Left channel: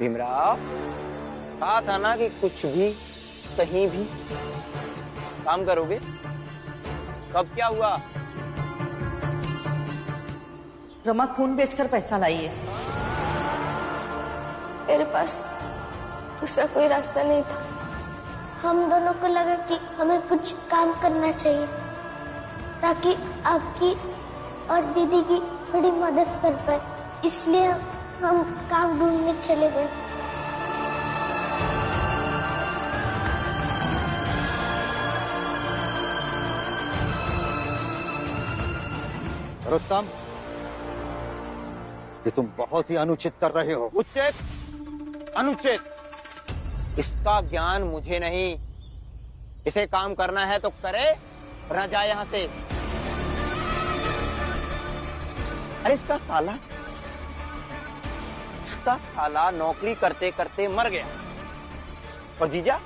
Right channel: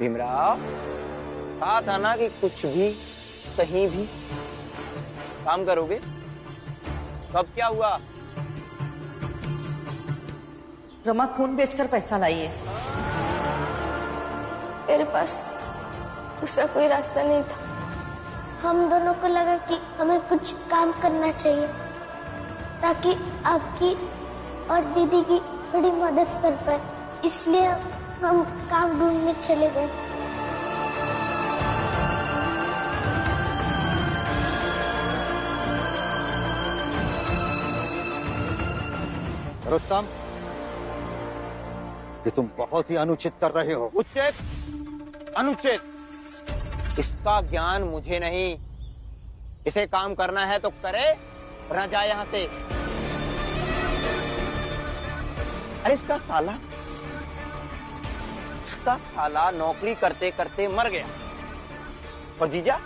भीमराव, कहा था ना कि कुछ भी कहीं भी काम करोगे। कब क्या हुआ? रमा खून बेचकर पैसा लाई है। मेरे पास दूसरा कोई रास्ता नहीं था। हम दोनों को लगा कि हमें कुछ काम करना चाहिए ताकि आपकी और दीदी की थोड़ी मदद कर पाए, इसलिए हम काम ढूंढने चले गए। रुस्तम, ये तुम बहुत ही अनुचित कर रहे हो। उचित, अनुचित, इसका ज्ञान मुझे नहीं। इसे काम करना है तो करे, वरना जाए यहां से। अरे इसका साला नौकरी करते करते मर गया, और जीजा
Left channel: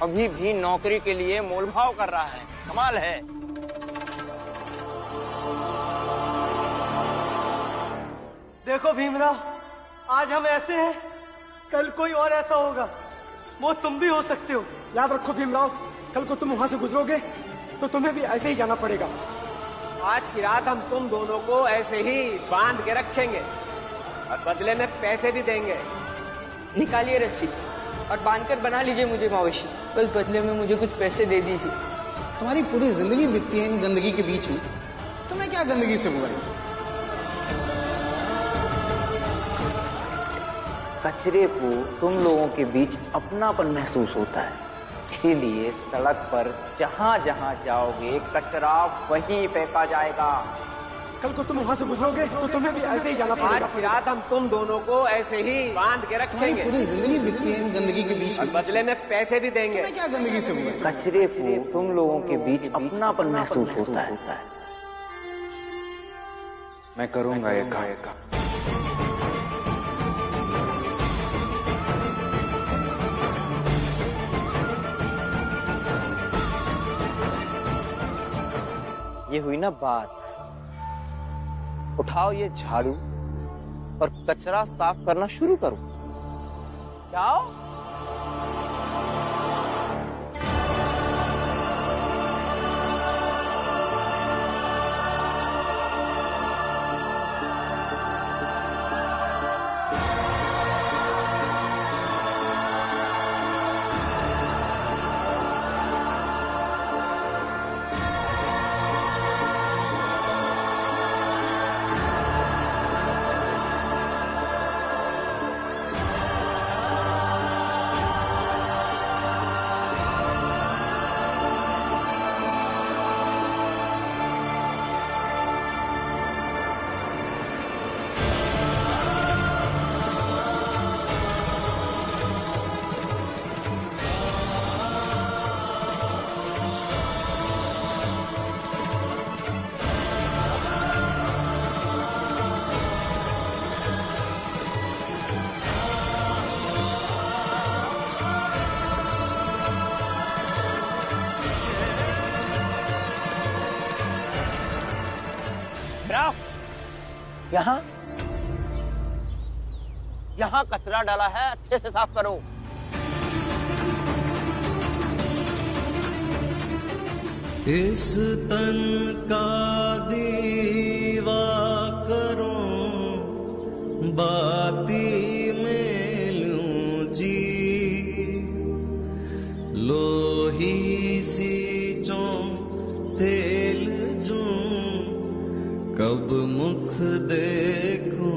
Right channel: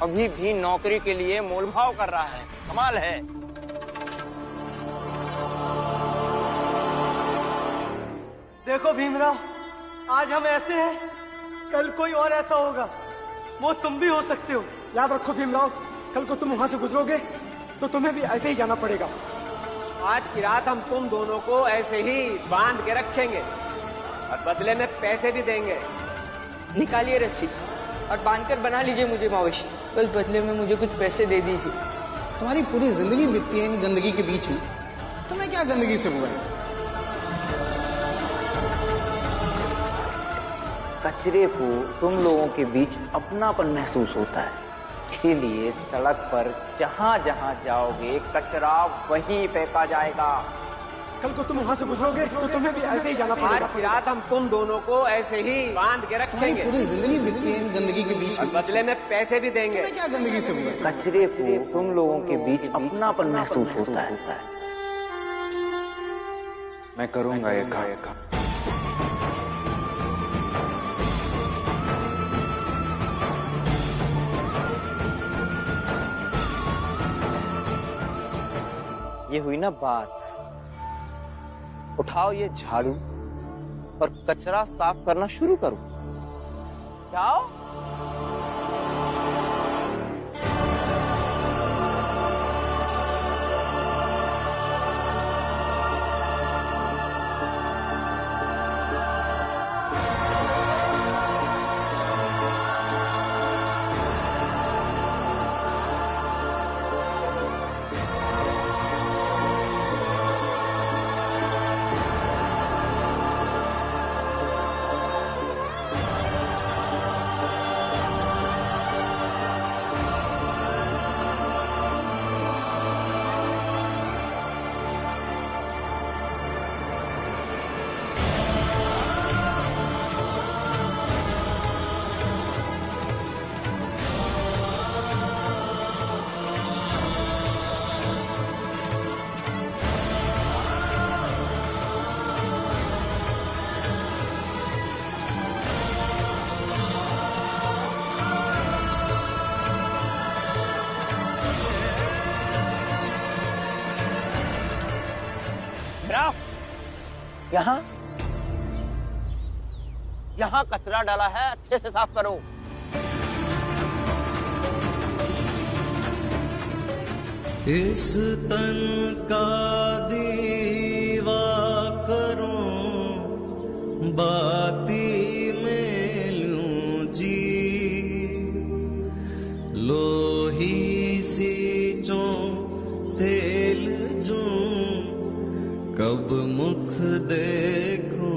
अभी भी नौकरी के लिए मोलभाव कर रहा है। कमाल है। देखो भीमराव, आज हम ऐसे हैं, कल कोई और ऐसा होगा। वो तुम भी हो सकते हो। याद रखो भीमराव, कल को तुम वहां से गुजरोगे तो तुम्हें भी ऐसे ही जाना पड़ेगा। आज की रात हम तुम दोनों को ऐसे ही बांध के रखेंगे और बदले में पैसे भी देंगे। निकालिए रस्सी और बांधकर बना लीजिए मुझे मवेशी। बस बदले में मुझे कुछ पैसे दे दीजिए। तुम्हारी पूरी जिंदगी बीतती है इन गंदगी के बीच में, तुम्हें क्या गंदगी से हुआ है? कचरे को तुम लोगों के बीच अपनापन महसूस होता है, इसीलिए सड़क पर जहाँ जहाँ जाओगे कचरा वहीं फेंका जाएगा। कल को तुम वहां से गुजरोगे तो तुम्हें भी ऐसे ही जाना पड़ेगा। आज की रात हम तुम दोनों को ऐसे ही बांध के रखेंगे। पूरी जिंदगी बीतती है इन गंदगी के बीच और में, बदले में पैसे भी देंगे। तुम्हें क्या गंदगी से हुआ है? कचरे को तुम लोगों के बीच अपनापन महसूस होता है। मैं करूंगा ये काम। ये हुई ना बात। उठाओ ये झाड़ू और कचरा साफ करना शुरू करो। जाओ। यहाँ कचरा डाला है, अच्छे से साफ करो। इस तन का दीवा करूं, बाती में लूं जी, लोही सी चों तेल जूं, कब मुख देखूं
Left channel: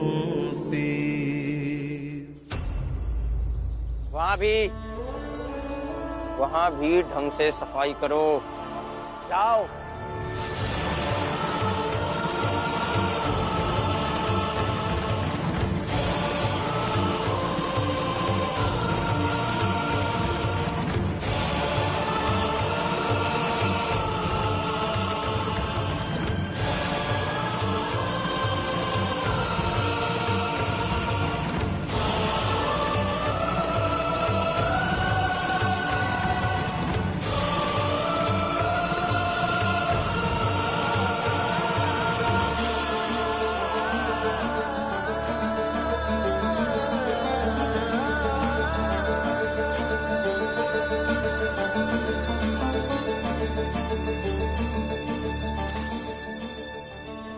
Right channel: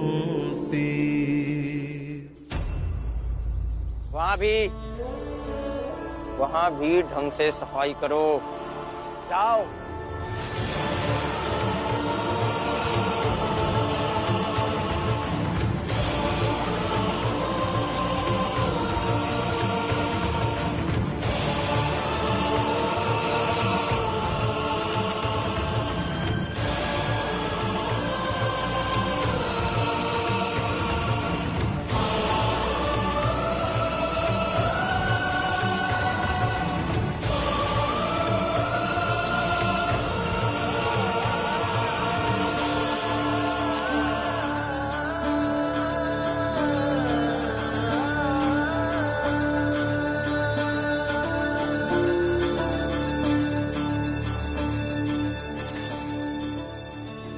वहां भी ढंग से सफाई करो। जाओ।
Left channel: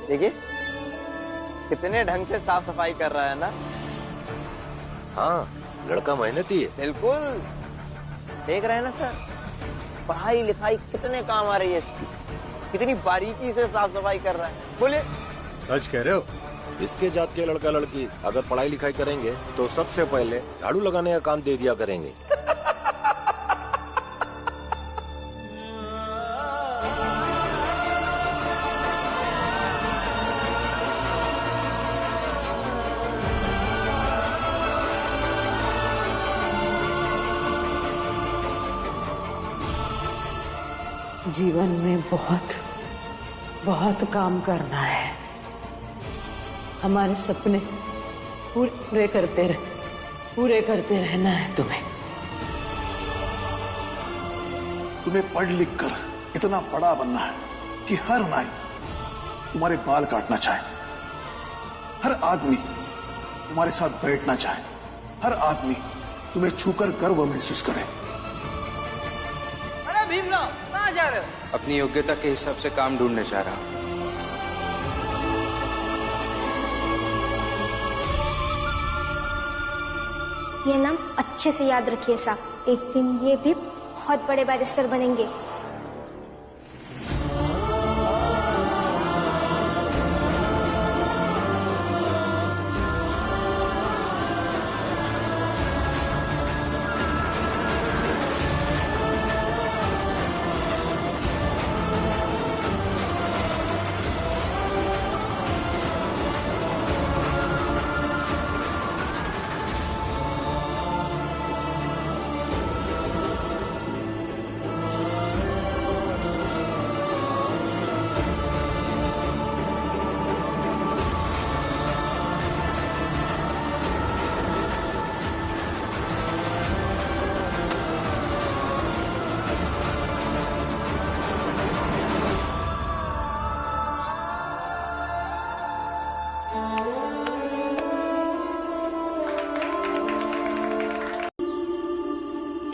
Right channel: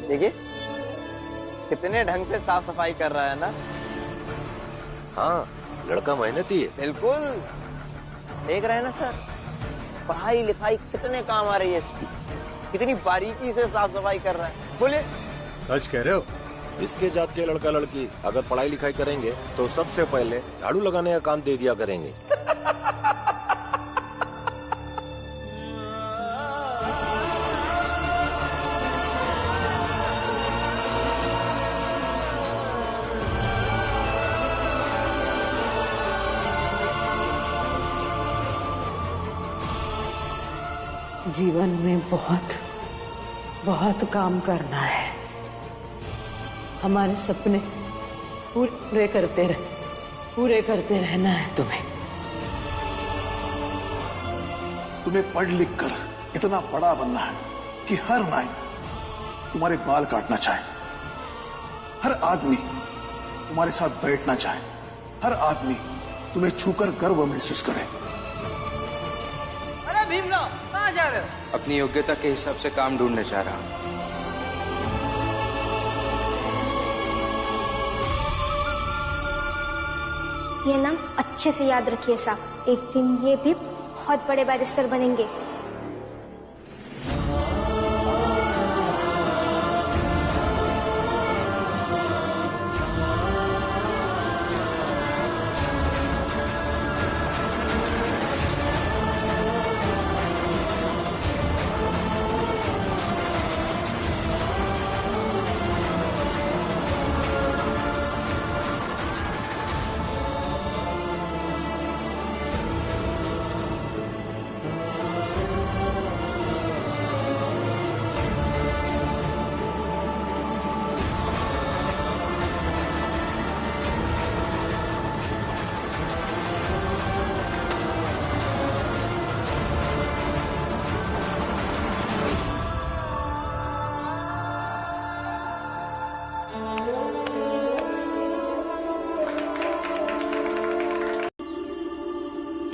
देखिए कितने ढंग से साफ सफाई कर रहा है ना। हाँ, लड़का मेहनती है। बिल्कुल, देख रहे हैं ना सर, पढ़ाई लिखाई कितने काम आ रही है इसकी, कितनी बारीकी से साफ सफाई कर रहा है। बोलिए। सच कह रहे हो? इसके जात के लड़का लड़की अगर पढ़ाई लिखाई करेंगे तो सबसे पहले झाड़ू लगाने का काम दे दिया करेंगे। जीवन में बहुत बहुत काम करना है। हमारे सपने पूरे करते रहना है तुम्हें। तुम्हें पढ़ लिख कर इतना बड़ा बनना है कि हर नाई तुम्हारे बाल काटना चाहे, हर आदमी तुम्हारे साथ बैठना चाहे, हर आदमी तुम्हें छूकर गर्व महसूस करे। अरे भीमराव, कहाँ जा रहे हो? अपनी योग्यता के हिसाब से काम ढूंढने जा रहा हूँ। ये नाम अच्छे से याद रखिए साहब, एक दिन ये भी बहुत बड़े बैरिस्टर बनेंगे।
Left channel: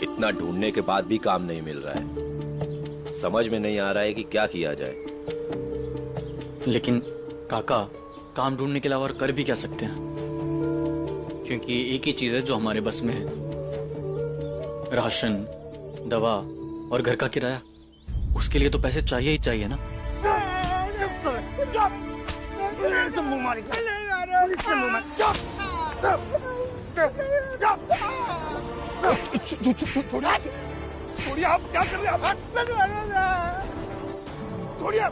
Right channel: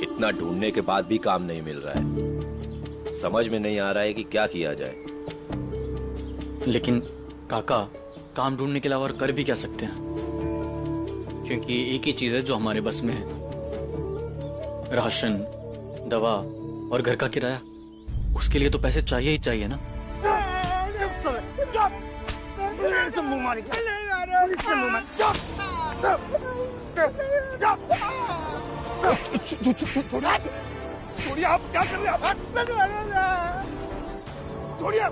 इतना ढूंढने के बाद भी काम नहीं मिल रहा है। समझ में नहीं आ रहा है कि क्या किया जाए। लेकिन काका, काम ढूंढने के अलावा और कर भी क्या सकते हैं? क्योंकि एक ही चीज है जो हमारे बस में है, राशन, दवा और घर का किराया। उसके लिए तो पैसे चाहिए ही चाहिए ना। छोड़िए, आप क्या कर रहे हैं? छोड़िए,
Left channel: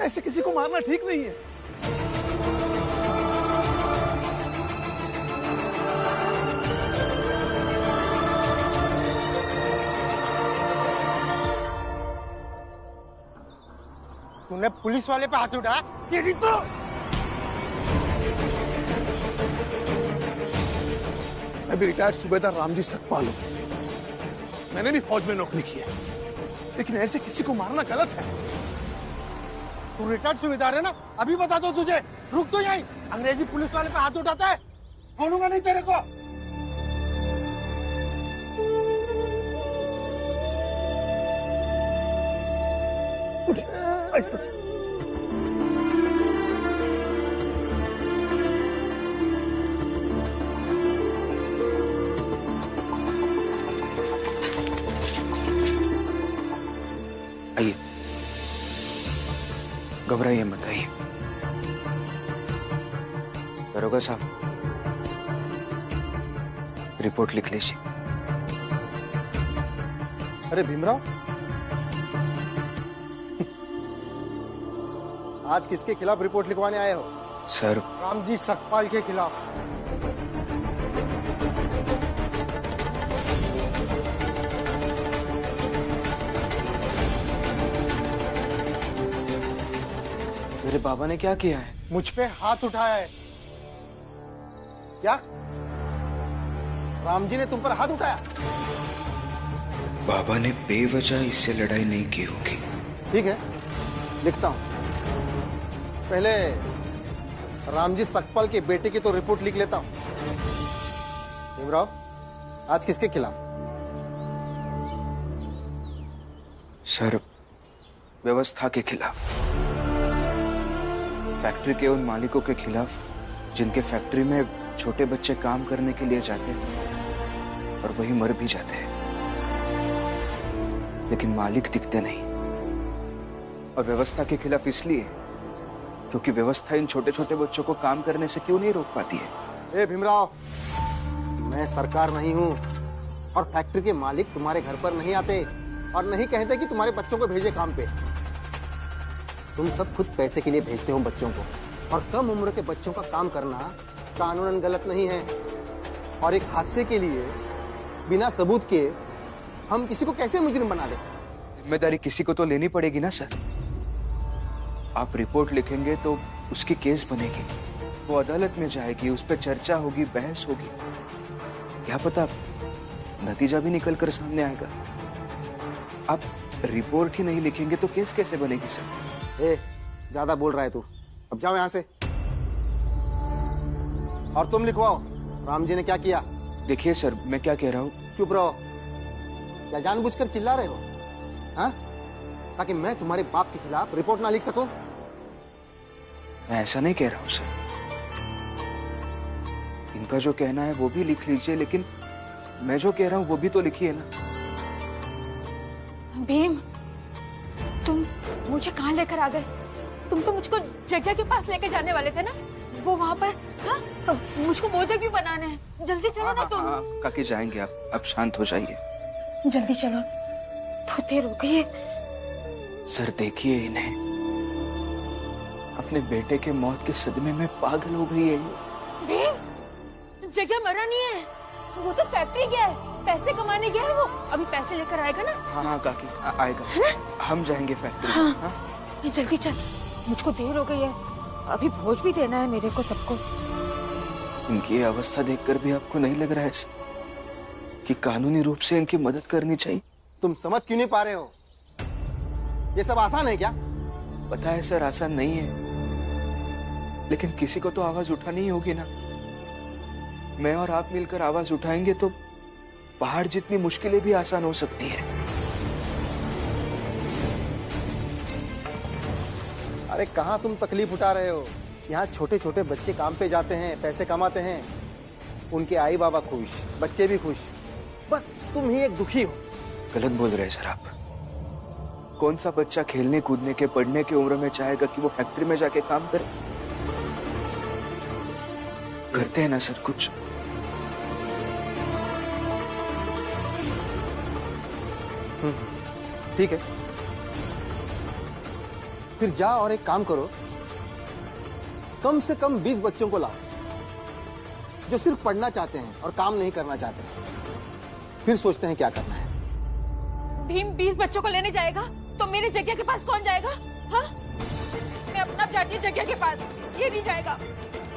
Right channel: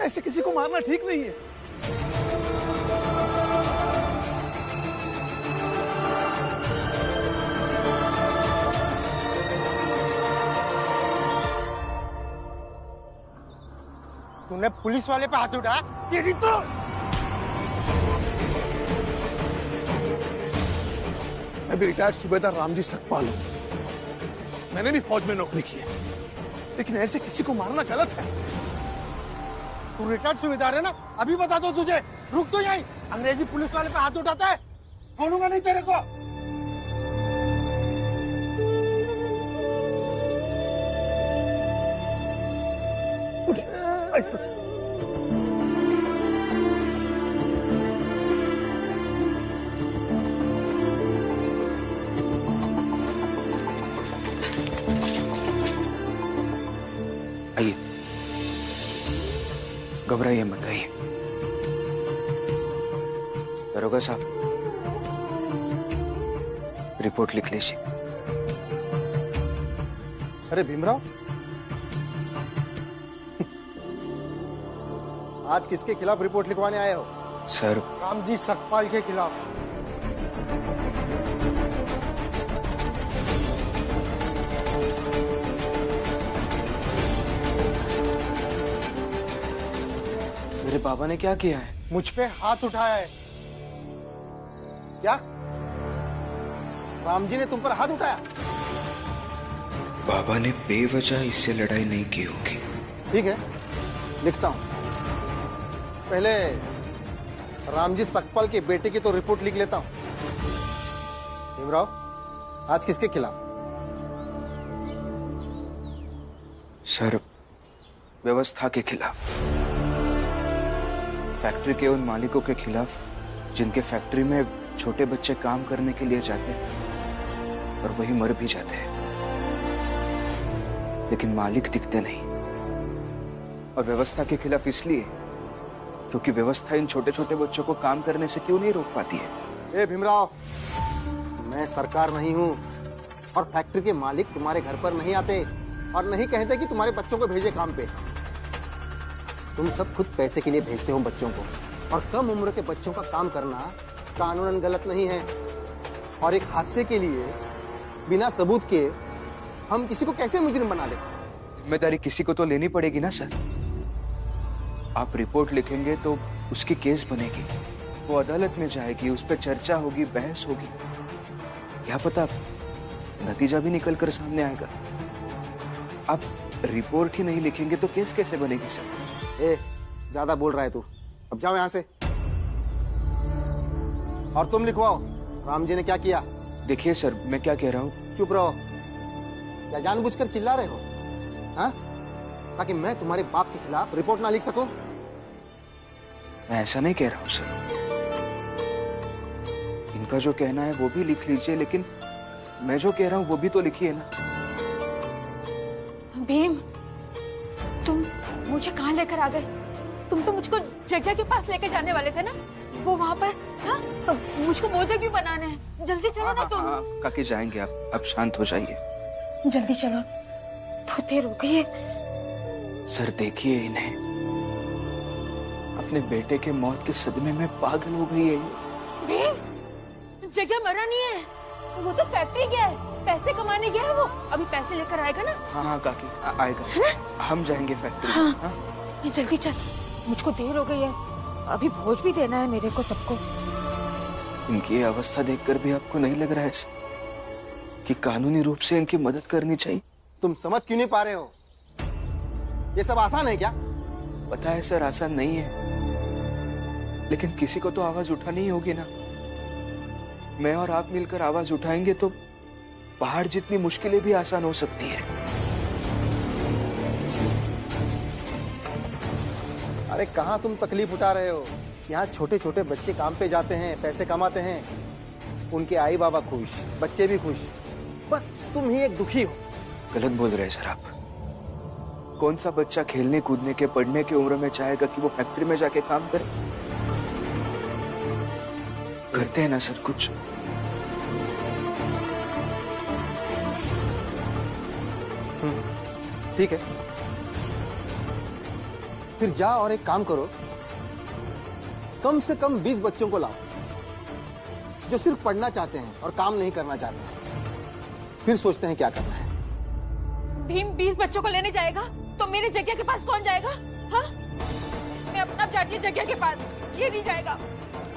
ऐसे किसी को मारना ठीक नहीं है। तूने पुलिस वाले पे हाथ उठाया? तेरी तो मैं भी रिटायर्ड सूबेदार रामजी सकपाल हूं। मैंने भी फौज में नौकरी की है, लेकिन ऐसे किसी को मारना गलत है। तू रिटायर्ड सूबेदार है ना? अभी बता दो तुझे। रुक तो यहीं। अंग्रेजी पुलिस वाले पे हाथ उठाता है, छोड़ूंगा नहीं तेरे को। आइए, घबराइए मत, आइए। दरोगा साहब, रिपोर्ट लिख लीजिए। अरे भीमराव, आज किसके खिलाफ रिपोर्ट लिखवाने आए हो? सर, रामजी सकपाल के खिलाफ। मेरे बाबा ने क्या किया है? मुझ पे हाथ उठाया है। क्या रामजी ने तुम पर हाथ उठाया? बाबा ने बेवजह इससे लड़ाई नहीं की होगी। ठीक है, लिखता हूं। पहले रामजी सकपाल के बेटे की तो रिपोर्ट लिख लेता हूं। भीमराव, आज किसके खिलाफ? सर, व्यवस्था के खिलाफ, फैक्ट्री के उन मालिकों के खिलाफ जिनके फैक्ट्री में छोटे बच्चे काम करने के लिए जाते हैं और वही मर भी जाते हैं, लेकिन मालिक दिखते नहीं। और व्यवस्था के खिलाफ इसलिए क्योंकि व्यवस्था इन छोटे छोटे बच्चों को काम करने से क्यों नहीं रोक पाती है। ए भीमराव, मैं सरकार नहीं हूँ और फैक्ट्री के मालिक तुम्हारे घर पर नहीं आते और नहीं कहते कि तुम्हारे बच्चों को भेजे काम पे। तुम सब खुद पैसे के लिए भेजते हो बच्चों को, और कम उम्र के बच्चों का काम करना कानूनन गलत नहीं है। और एक हादसे के लिए बिना सबूत के हम किसी को कैसे मुजरिम बना दे? जिम्मेदारी किसी को तो लेनी पड़ेगी ना सर। आप रिपोर्ट लिखेंगे तो उसकी केस बनेगी, वो अदालत में जाएगी, उस पर चर्चा होगी, बहस होगी, क्या पता नतीजा भी निकल कर सामने आएगा। आप रिपोर्ट ही नहीं लिखेंगे तो केस कैसे बनेगी सर? ए, ज्यादा बोल रहा है तू, अब जाओ यहां से। और तुम लिखवाओ राम जी ने क्या किया। देखिए सर, मैं क्या कह रहा हूँ। चुप रहो, क्या जानबूझकर चिल्ला रहे हो? हाँ, ताकि मैं तुम्हारे बाप के खिलाफ रिपोर्ट ना लिख सकूं? मैं ऐसा नहीं कह रहा हूँ सर, इनका जो कहना है वो भी लिख लीजिए, लेकिन मैं जो कह रहा हूँ वो भी तो लिखिए ना। भीम, तुम मुझे कहाँ लेकर आ गए? तुम तो मुझको जग्या के पास लेके जाने वाले थे ना, वो वहाँ पर। हाँ, मुझको मोदक भी बनाने हैं, जल्दी चलो ना तुम। काकी जाएंगे आप शांत हो जाइए। जल्दी चलो, बहुत देर हो गई है। सर देखिए इन्हें, अपने बेटे के मौत के सदमे में पागल हो गई है ये। भीम, जग्या मरा नहीं है, वो तो फैक्ट्री गया है, पैसे कमाने गया है वो, अभी पैसे लेकर आएगा ना। हाँ काकी आएगा, हम जाएंगे फैक्ट्री। हाँ, जल्दी चल, मुझको देर हो गई है, अभी भोज भी देना है मेरे को सबको। इनकी अवस्था देखकर भी आपको नहीं लग रहा है कि कानूनी रूप से इनकी मदद करनी चाहिए? तुम समझ क्यों नहीं पा रहे हो? ये सब आसान है क्या? पता है सर, आसान नहीं है, लेकिन किसी को तो आवाज उठानी ही होगी ना। मैं और आप मिलकर आवाज उठाएंगे तो पहाड़ जितनी मुश्किलें भी आसान हो सकती है। अरे कहाँ तुम तकलीफ उठा रहे हो? यहाँ छोटे छोटे बच्चे काम पे जाते हैं, पैसे कमाते हैं, उनके आई बाबा खुश, बच्चे भी खुश, बस तुम ही एक दुखी हो। गलत बोल रहे हैं सर आप। कौन सा बच्चा खेलने कूदने के पढ़ने की उम्र में चाहेगा कि वो फैक्ट्री में जाके काम करे? करते हैं ना सर कुछ। ठीक है, फिर जाओ और एक काम करो, कम से कम 20 बच्चों को लाओ जो सिर्फ पढ़ना चाहते हैं और काम नहीं करना चाहते हैं। फिर सोचते हैं क्या करना है। भीम 20 बच्चों को लेने जाएगा तो मेरे जग्या के पास कौन जाएगा? हाँ, मैं अपना जाती हूँ जग्या के पास, ये नहीं जाएगा।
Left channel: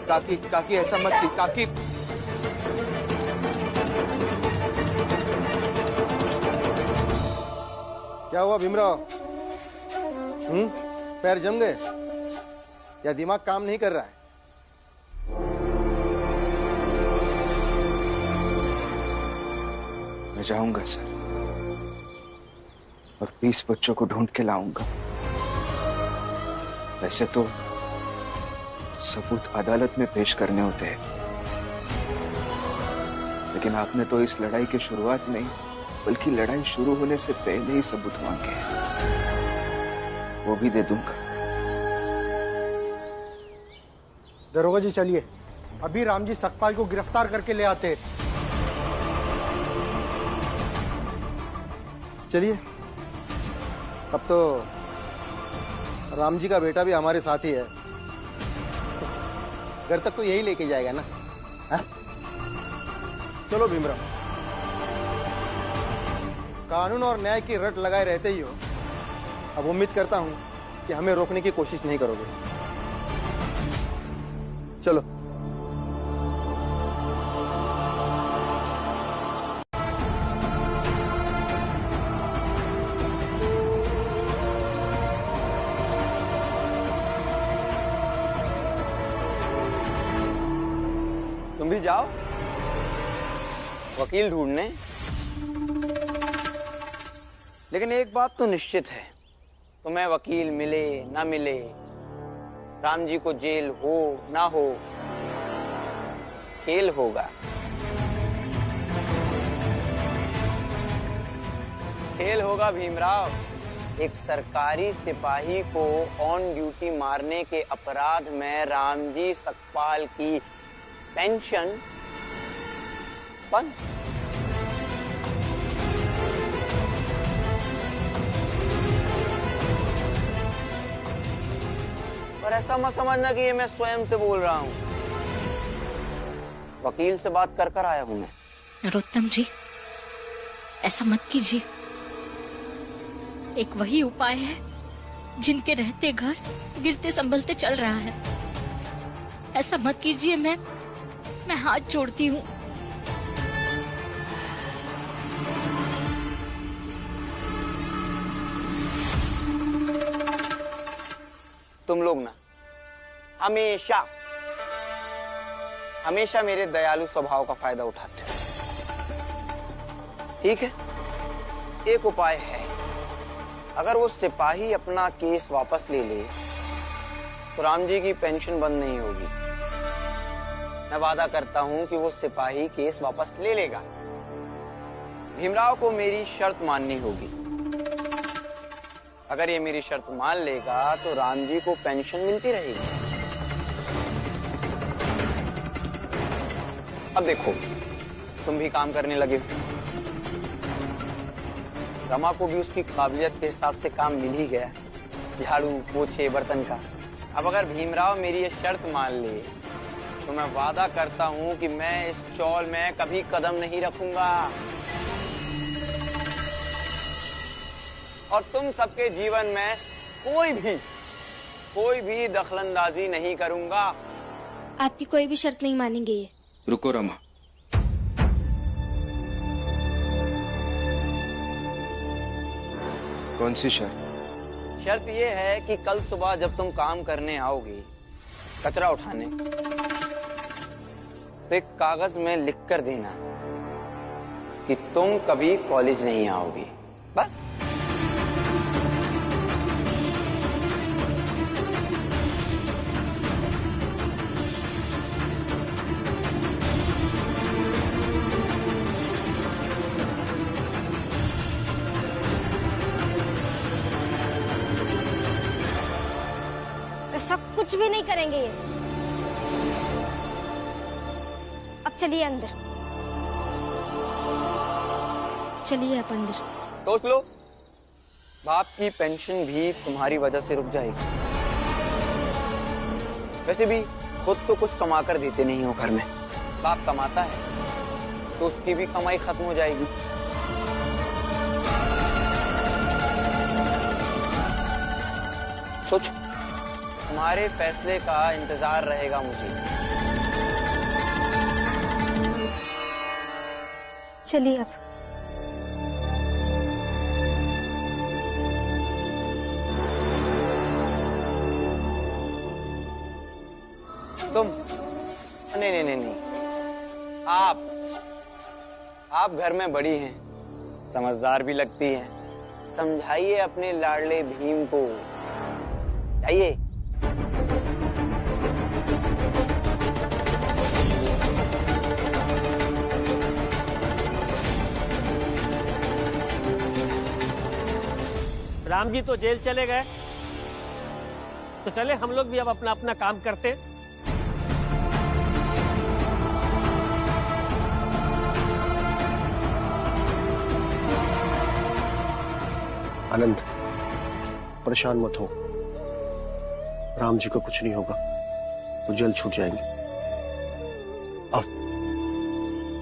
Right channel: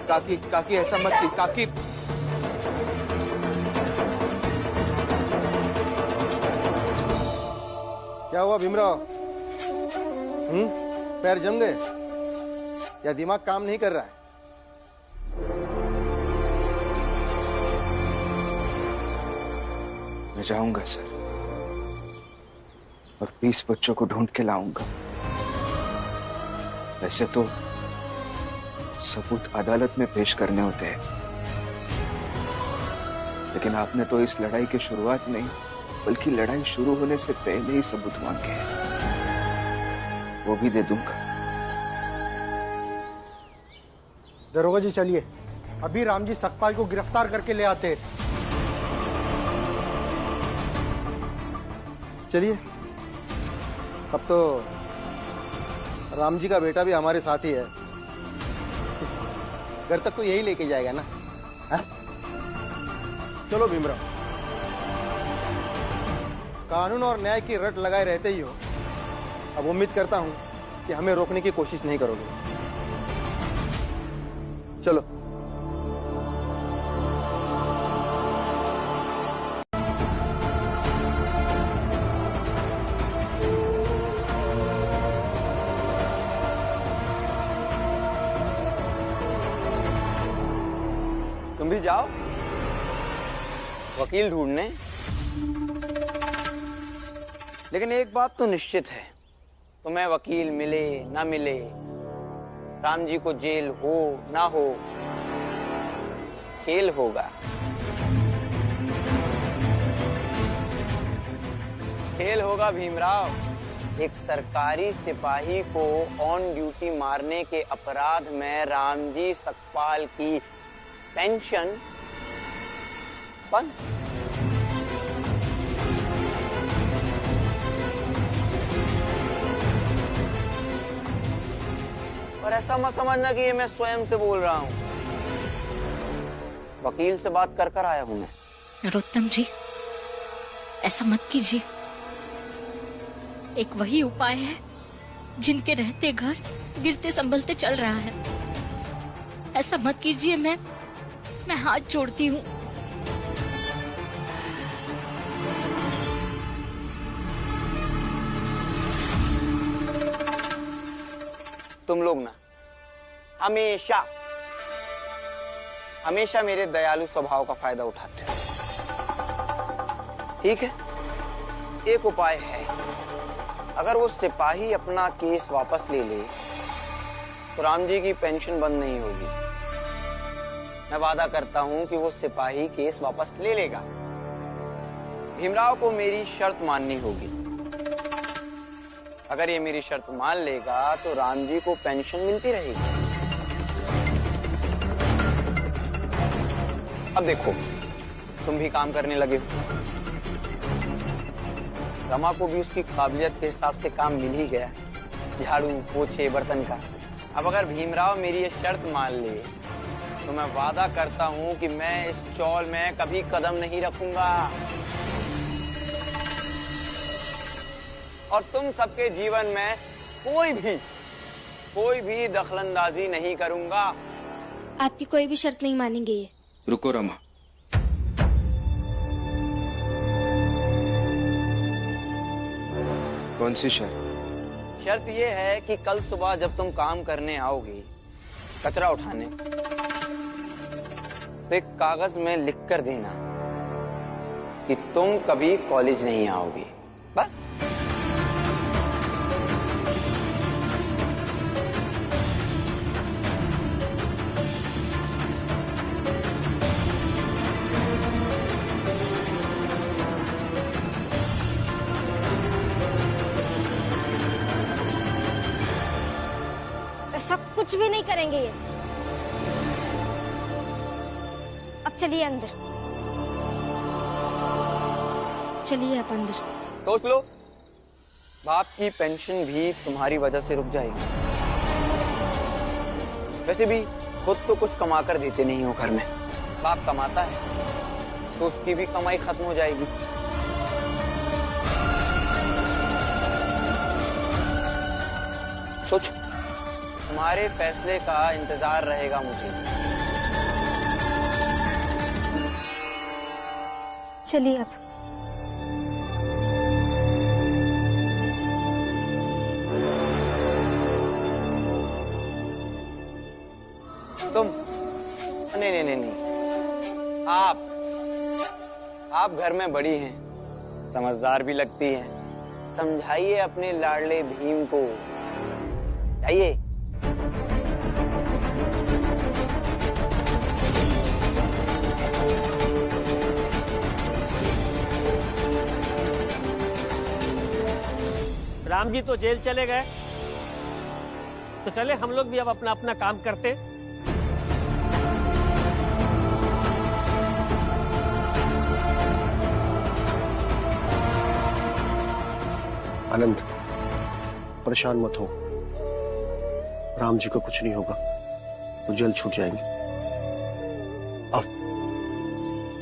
काकी ऐसा मत की काकी। क्या हुआ भीमराव? पैर जम गए या दिमाग काम नहीं कर रहा है? मैं जाऊंगा सर और 20 बच्चों को ढूंढ के लाऊंगा। वैसे तो सबूत अदालत में पेश करने होते हैं, लेकिन आपने तो इस लड़ाई की शुरुआत में बल्कि लड़ाई शुरू होने से पहले ही सबूत मांगे हैं, वो भी दे दूंगा। दरोगा जी चलिए, अभी रामजी सकपाल को गिरफ्तार करके ले आते। चलिए, अब तो राम जी का बेटा भी हमारे साथ ही है, घर तक तो यही लेके जाएगा ना। है? चलो भीमराव, कानून और न्याय की रट लगाए रहते ही हो, अब उम्मीद करता हूं कि हमें रोकने की कोशिश नहीं करोगे। चलो। तुम भी जाओ वकील ढूंढने, लेकिन एक बात तो निश्चित है, तुम्हें वकील मिले ना मिले, राम जी को जेल हो ना हो, खेल होगा। खेल होगा भीमराव। एक सरकारी सिपाही को ऑन ड्यूटी मारने के अपराध में रामजी सकपाल की पेंशन बंद। और ऐसा मत समझना कि ये मैं स्वयं से बोल रहा हूं, वकील से बात कर कर आया हूं मैं। नरोत्तम जी, ऐसा मत कीजिए। एक वही उपाय है जिनके रहते घर गिरते संभलते चल रहा है। ऐसा मत कीजिए, मैं हाथ जोड़ती हूँ। तुम लोग ना हमेशा हमेशा मेरे दयालु स्वभाव का फायदा उठाते हो। ठीक है, एक उपाय है। अगर वो सिपाही अपना केस वापस ले ले तो राम जी की पेंशन बंद नहीं होगी। मैं वादा करता हूं कि वो सिपाही केस वापस ले लेगा। भीमराव को मेरी शर्त माननी होगी। अगर ये मेरी शर्त मान लेगा तो राम जी को पेंशन मिलती रहेगी। अब देखो, तुम भी काम करने लगे हो। रमा को भी उसकी काबिलियत के हिसाब से काम मिल ही गया, झाड़ू पोछे बर्तन का। अब अगर भीमराव मेरी ये शर्त मान ले तो मैं वादा करता हूं कि मैं इस चौल में कभी कदम नहीं रखूंगा और तुम सबके जीवन में कोई भी दखलंदाजी नहीं करूंगा। आपकी कोई भी शर्त नहीं मानेंगे ये। रुको रमा, कौन सी शर्त? शर्त ये है कि कल सुबह जब तुम काम करने आओगे, कचरा उठाने, तो एक कागज में लिख कर देना कि तुम कभी कॉलेज नहीं आओगे। बस। सब कुछ भी नहीं करेंगे ये। अब चलिए अंदर, चलिए आप अंदर। सोच लो, बाप की पेंशन भी तुम्हारी वजह से रुक जाएगी। वैसे भी खुद तो कुछ कमा कर देते नहीं हो घर में, बाप कमाता है तो उसकी भी कमाई खत्म हो जाएगी। सोचो, तुम्हारे फैसले का इंतजार रहेगा मुझे। चलिए अब। तुम नहीं, आप घर में बड़ी हैं, समझदार भी लगती हैं। समझाइए अपने लाडले भीम को। जाइए। राम जी तो जेल चले गए, तो चले हम लोग भी अब अपना अपना काम करते। आनंद, परेशान मत हो। राम जी को कुछ नहीं होगा, वो जल्द छूट जाएंगे।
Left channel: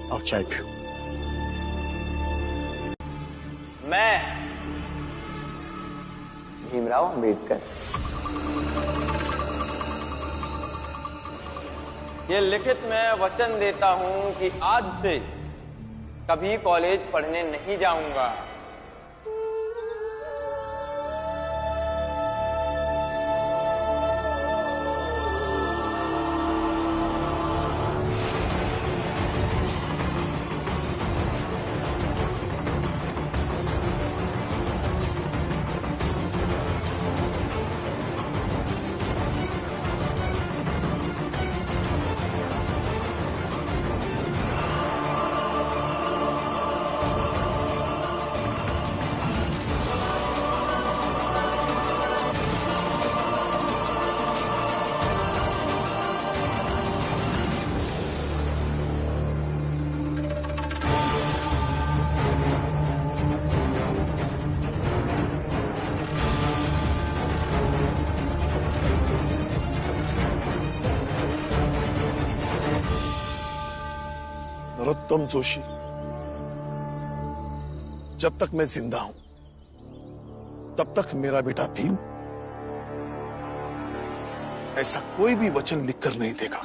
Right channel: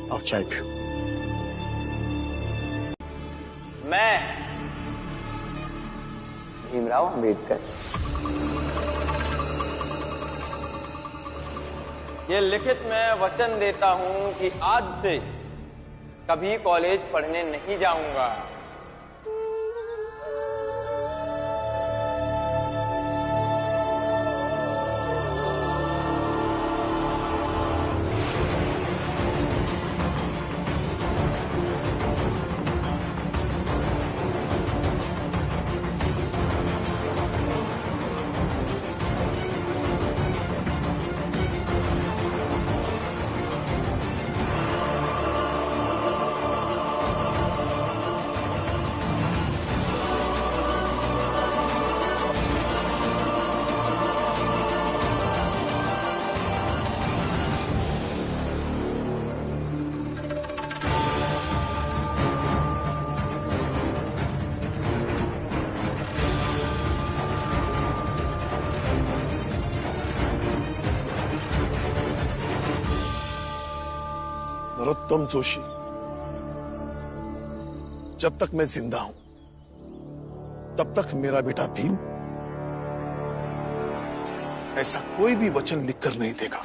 आओ चाय पियो। मैं भीमराव अंबेडकर ये लिखित में वचन देता हूं कि आज से कभी कॉलेज पढ़ने नहीं जाऊंगा। नरोत्तम जोशी, जब तक मैं जिंदा हूं तब तक मेरा बेटा भीम ऐसा कोई भी वचन लिखकर नहीं देगा।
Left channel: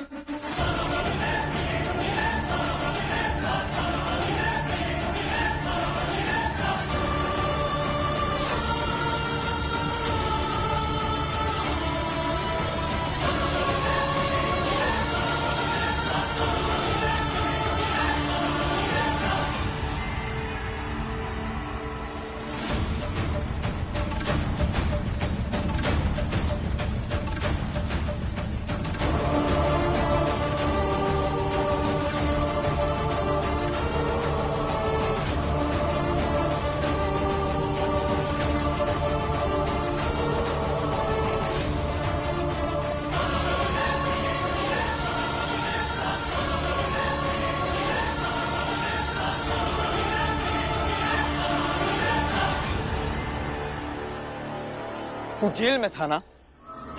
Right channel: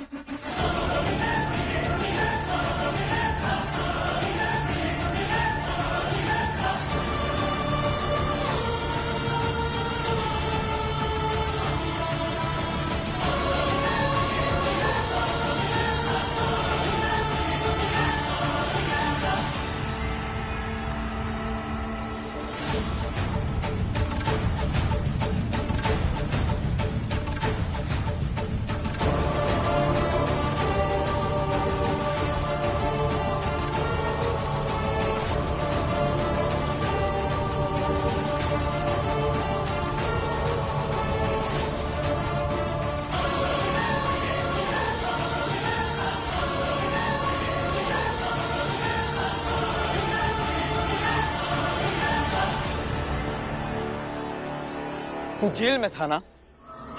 तू जेल में था ना,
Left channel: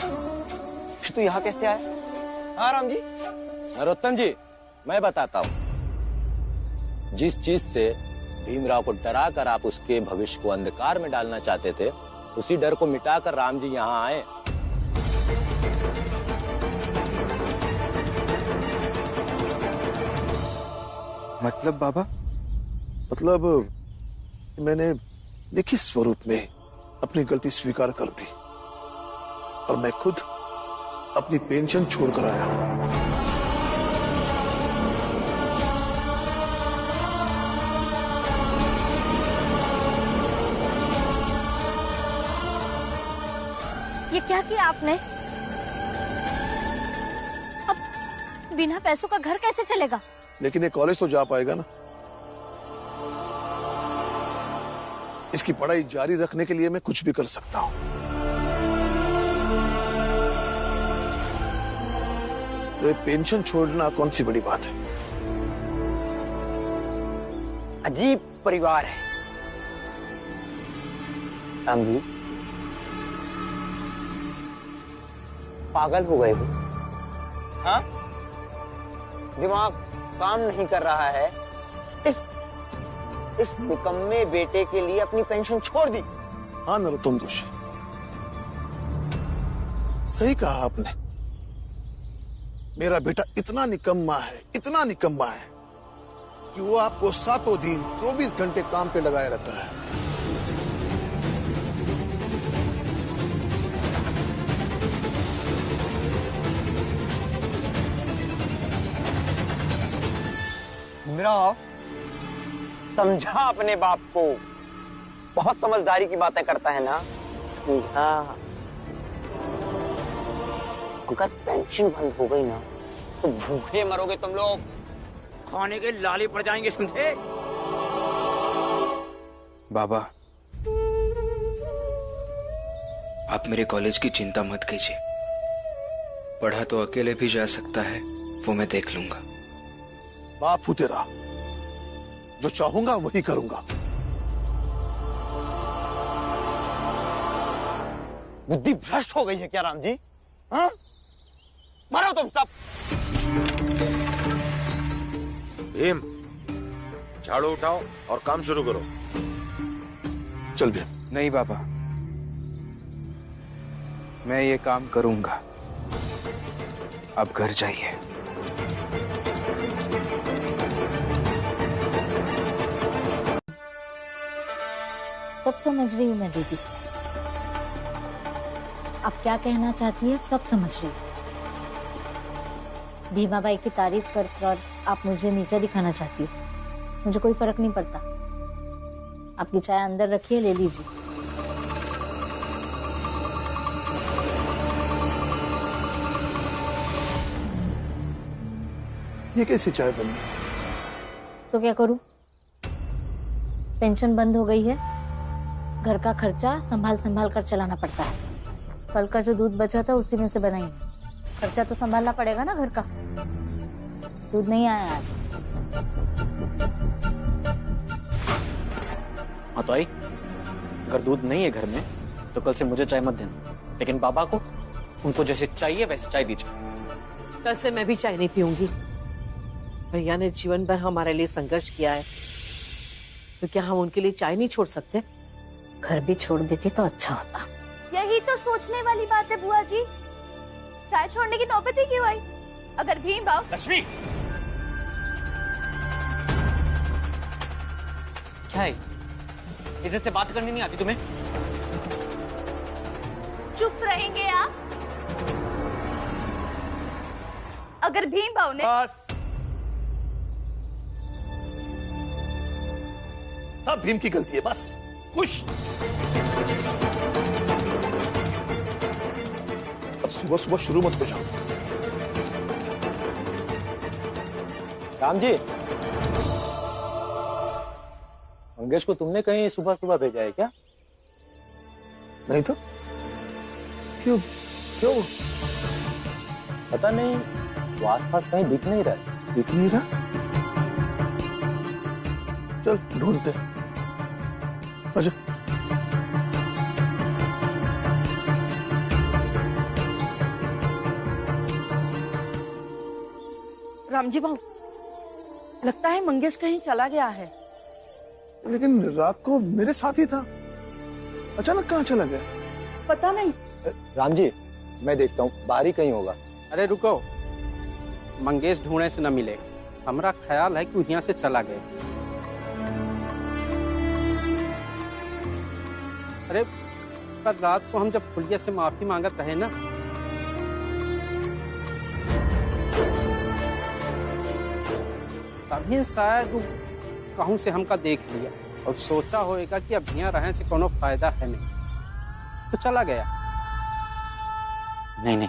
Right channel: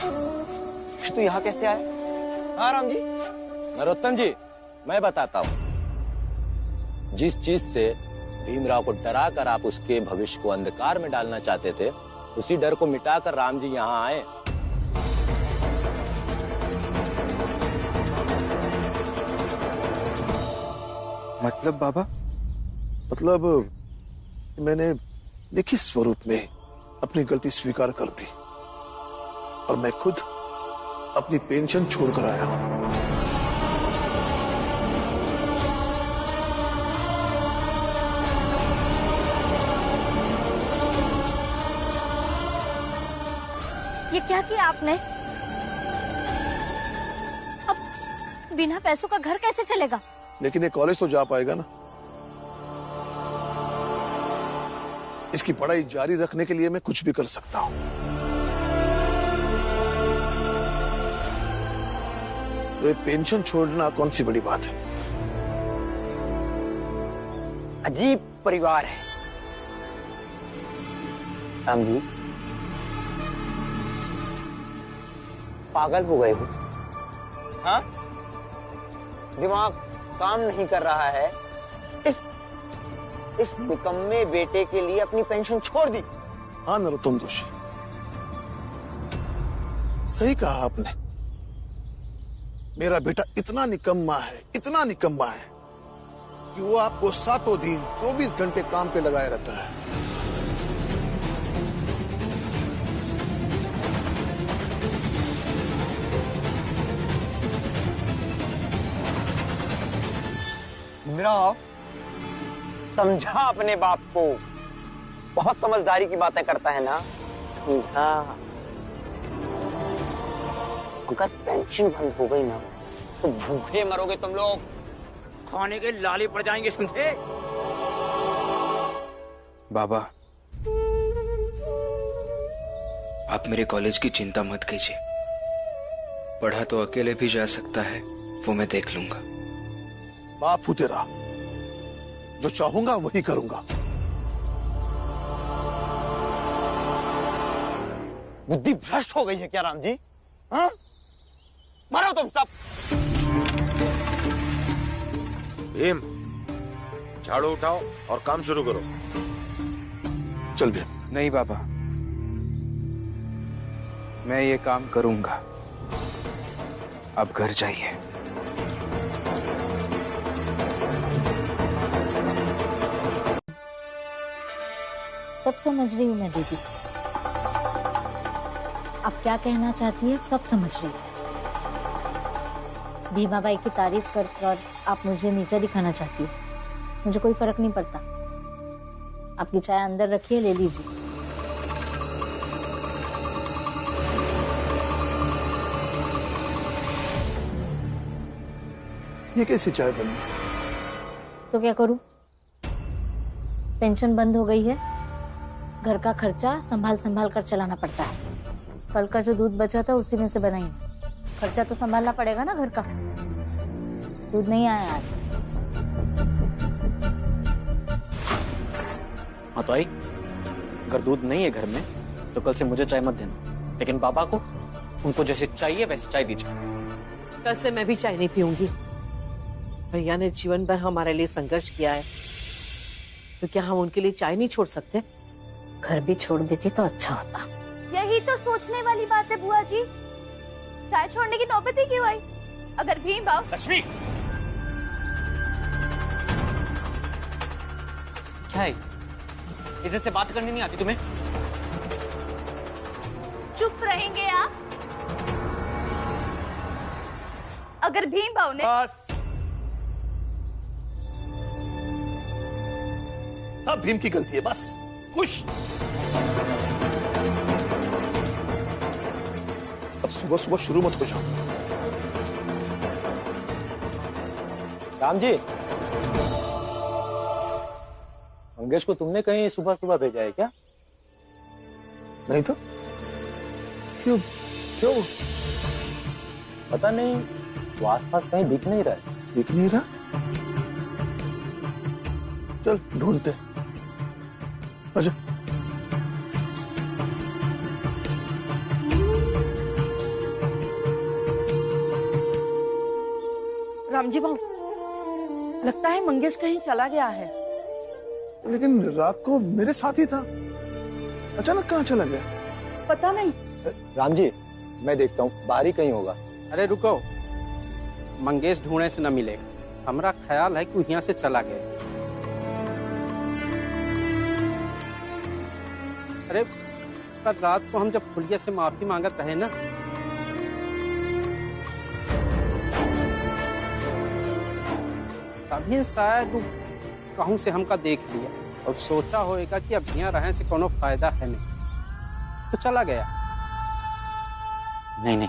फिर तू यहाँ कैसे आया? हाँ राम जी। नरोत्तम जी, मैं बताता हूँ। जिस चीज से भीमराव को डरा कर आप उसके भविष्य को अंधकार में डालना चाहते थे, उसी डर को मिटाकर राम जी यहाँ आए। मतलब बाबा? मतलब मैंने लिखित स्वरूप में अपनी गलती स्वीकार कर दी और मैं खुद अपनी पेंशन छोड़कर आया हूं। ये क्या किया आपने? अब बिना पैसों का घर कैसे चलेगा? लेकिन ये कॉलेज तो जा पाएगा ना। इसकी पढ़ाई जारी रखने के लिए मैं कुछ भी कर सकता हूं। तो ये पेंशन छोड़ना कौन सी बड़ी बात है? अजीब परिवार है राम जी। पागल हो गए हो? हाँ, दिमाग काम नहीं कर रहा है। इस निकम्मे बेटे के लिए अपनी पेंशन छोड़ दी। हाँ नरोत्तम जोशी, सही कहा आपने। मेरा बेटा इतना निकम्मा है, इतना निकम्मा है कि वो आपको 7 दिन 24 घंटे काम पे लगाए रहता है। मेरा समझा अपने बाप को, बहुत समझदारी की बातें करता है ना, समझा। अगर पेंशन बंद हो गई ना तो भूखे मरोगे तुम लोग, खाने के लाले पड़ जाएंगे, समझे? बाबा, आप मेरे कॉलेज की चिंता मत कीजिए। पढ़ा तो अकेले भी जा सकता है, वो मैं देख लूंगा। बाप हूं तेरा, जो चाहूंगा वही करूंगा। बुद्धि भ्रष्ट हो गई है क्या राम जी? हाँ? मारो तुम सब। भीम, झाड़ू उठाओ और काम शुरू करो। चल भीम। नहीं बाबा, मैं ये काम करूंगा। अब घर जाइए। सब समझ रही हूँ मैं दीदी, अब क्या कहना चाहती है सब समझ रही हूँ। भीमा बाई की तारीफ कर आप मुझे नीचा दिखाना चाहती है, मुझे कोई फर्क नहीं पड़ता। आपकी चाय अंदर रखिए, ले लीजिए। ये कैसी चाय बनी? तो क्या करूं? पेंशन बंद हो गई है, घर का खर्चा संभाल संभाल कर चलाना पड़ता है। कल का जो दूध बचा था उसी में से बनाई, खर्चा तो संभालना पड़ेगा ना घर का। दूध नहीं आया आज। हाँ तो आई, अगर दूध नहीं है घर में तो कल से मुझे चाय मत देना, लेकिन बाबा को उनको जैसे चाहिए वैसे चाय दीजिए। कल से मैं भी चाय नहीं पीऊंगी। भैया ने जीवन भर हमारे लिए संघर्ष किया है, तो क्या हम उनके लिए चाय नहीं छोड़ सकते? घर भी छोड़ देती तो अच्छा होता। यही तो सोचने वाली बात है बुआ जी, चाय छोड़ने की नौबत ही क्यों आई? अगर भीम भाव। लक्ष्मी, क्या है? इज्जत से बात करनी नहीं आती तुम्हें? चुप रहेंगे आप? अगर भीम भाव ने सब भीम की गलती है, बस खुश। अब सुबह सुबह शुरू मत हो जाओ। राम जी, मंगेश को तुमने कहीं सुबह सुबह भेजा है क्या? नहीं तो क्यों क्यों? पता नहीं, वो आसपास कहीं दिख नहीं रहा है। दिख नहीं रहा? चल ढूंढते। अच्छा, रामजी भाऊ, लगता है मंगेश कहीं चला गया है। लेकिन रात को मेरे साथ ही था, अचानक कहाँ चला गया? पता नहीं। राम जी, मैं देखता हूँ, बाहर ही कहीं होगा। अरे रुको, मंगेश ढूंढने से न मिलेगा। हमारा ख्याल है कि यहाँ से चला गया। अरे पर रात को हम जब फुलिया से माफी मांगत रहे ना, तभी शायद कहूं से हमका देख लिया और सोचा होएगा कि अब यहाँ रहने से कोनो फायदा है नहीं, तो चला गया। नहीं नहीं,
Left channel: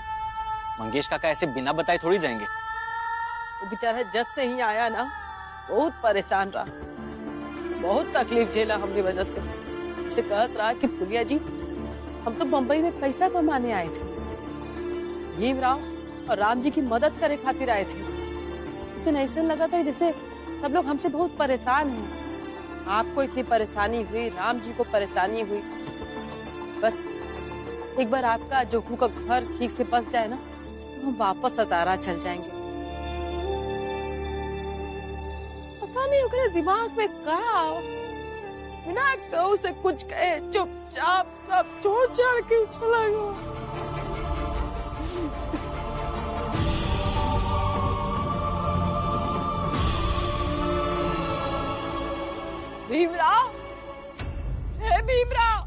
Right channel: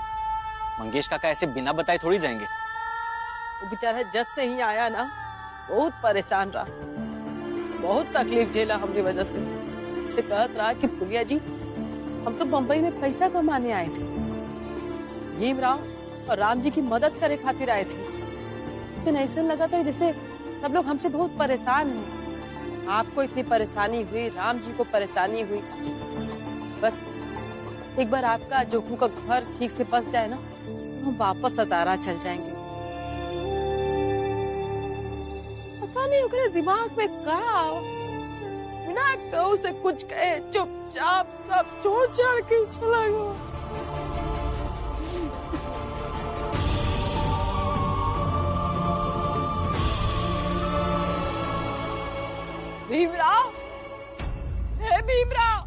मंगेश काका ऐसे बिना बताए थोड़ी जाएंगे। वो बेचारा जब से ही आया ना, बहुत परेशान रहा, बहुत तकलीफ झेला हमने वजह से। उसे कहत रहा कि फुलिया जी, हम तो बम्बई में पैसा कमाने आए थे, भीमराव और राम जी की मदद करे खातिर आए थे, लेकिन ऐसा लगा था जैसे सब लोग हमसे बहुत परेशान हैं। आपको इतनी परेशानी हुई, राम जी को परेशानी हुई, बस एक बार आपका जोखू का घर ठीक से बस जाए ना, तो हम वापस सतारा चल जाएंगे। पता नहीं उनके दिमाग में क्या, बिना कहूं से कुछ कहे चुपचाप सब छोड़ छाड़ के चला गया। भीमराव, हे भीमराव,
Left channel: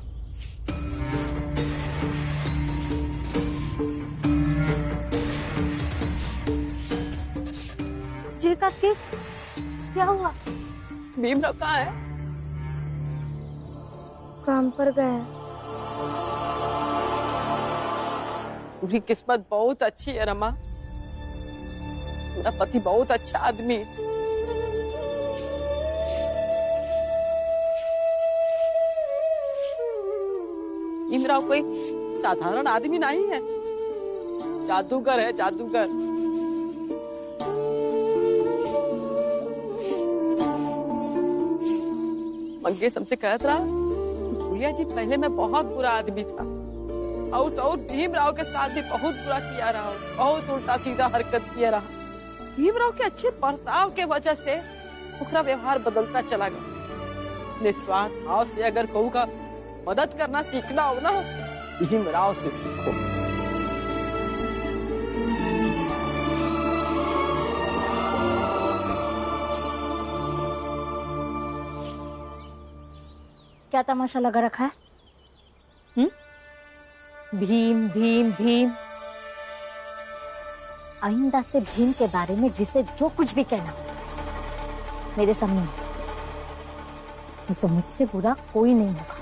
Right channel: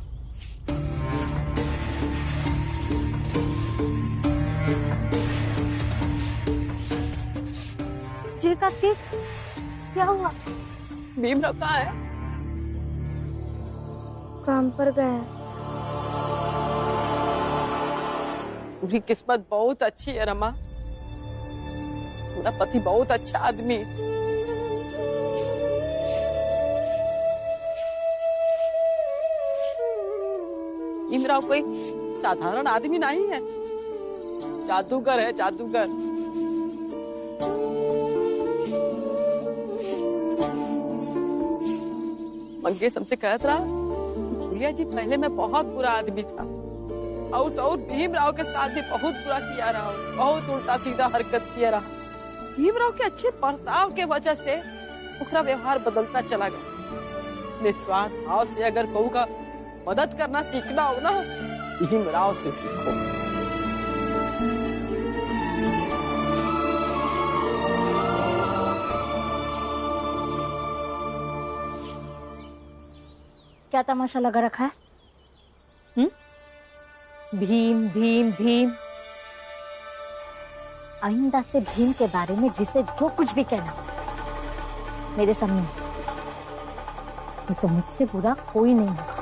जी काकी, क्या हुआ? भीमराव कहाँ है? काम पर गया। पूरी किस्मत बहुत अच्छी है रमा, मेरा पति बहुत अच्छा आदमी है। भीमराव कोई साधारण आदमी नहीं है, जादूगर है, जादूगर। मंगेश हमसे कहत रहा, फुलिया जी पहले मैं बहुत बुरा आदमी था, और तो और भीमराव के साथ भी बहुत बुरा किया रहा हूँ, बहुत उल्टा सीधा हरकत किया रहा। भीमराव के अच्छे बर्ताव के वजह से उसका व्यवहार बदलता चला गया। निस्वार्थ भाव से अगर कहूँ का मदद करना सीखना हो ना, भीमराव से सीखो। क्या तमाशा लगा रखा है? भीम भीम भीम। आइंदा से भीम के बारे में जिसे जो कुछ भी कहना हो मेरे सामने, नहीं तो मुझसे बुरा कोई नहीं होगा।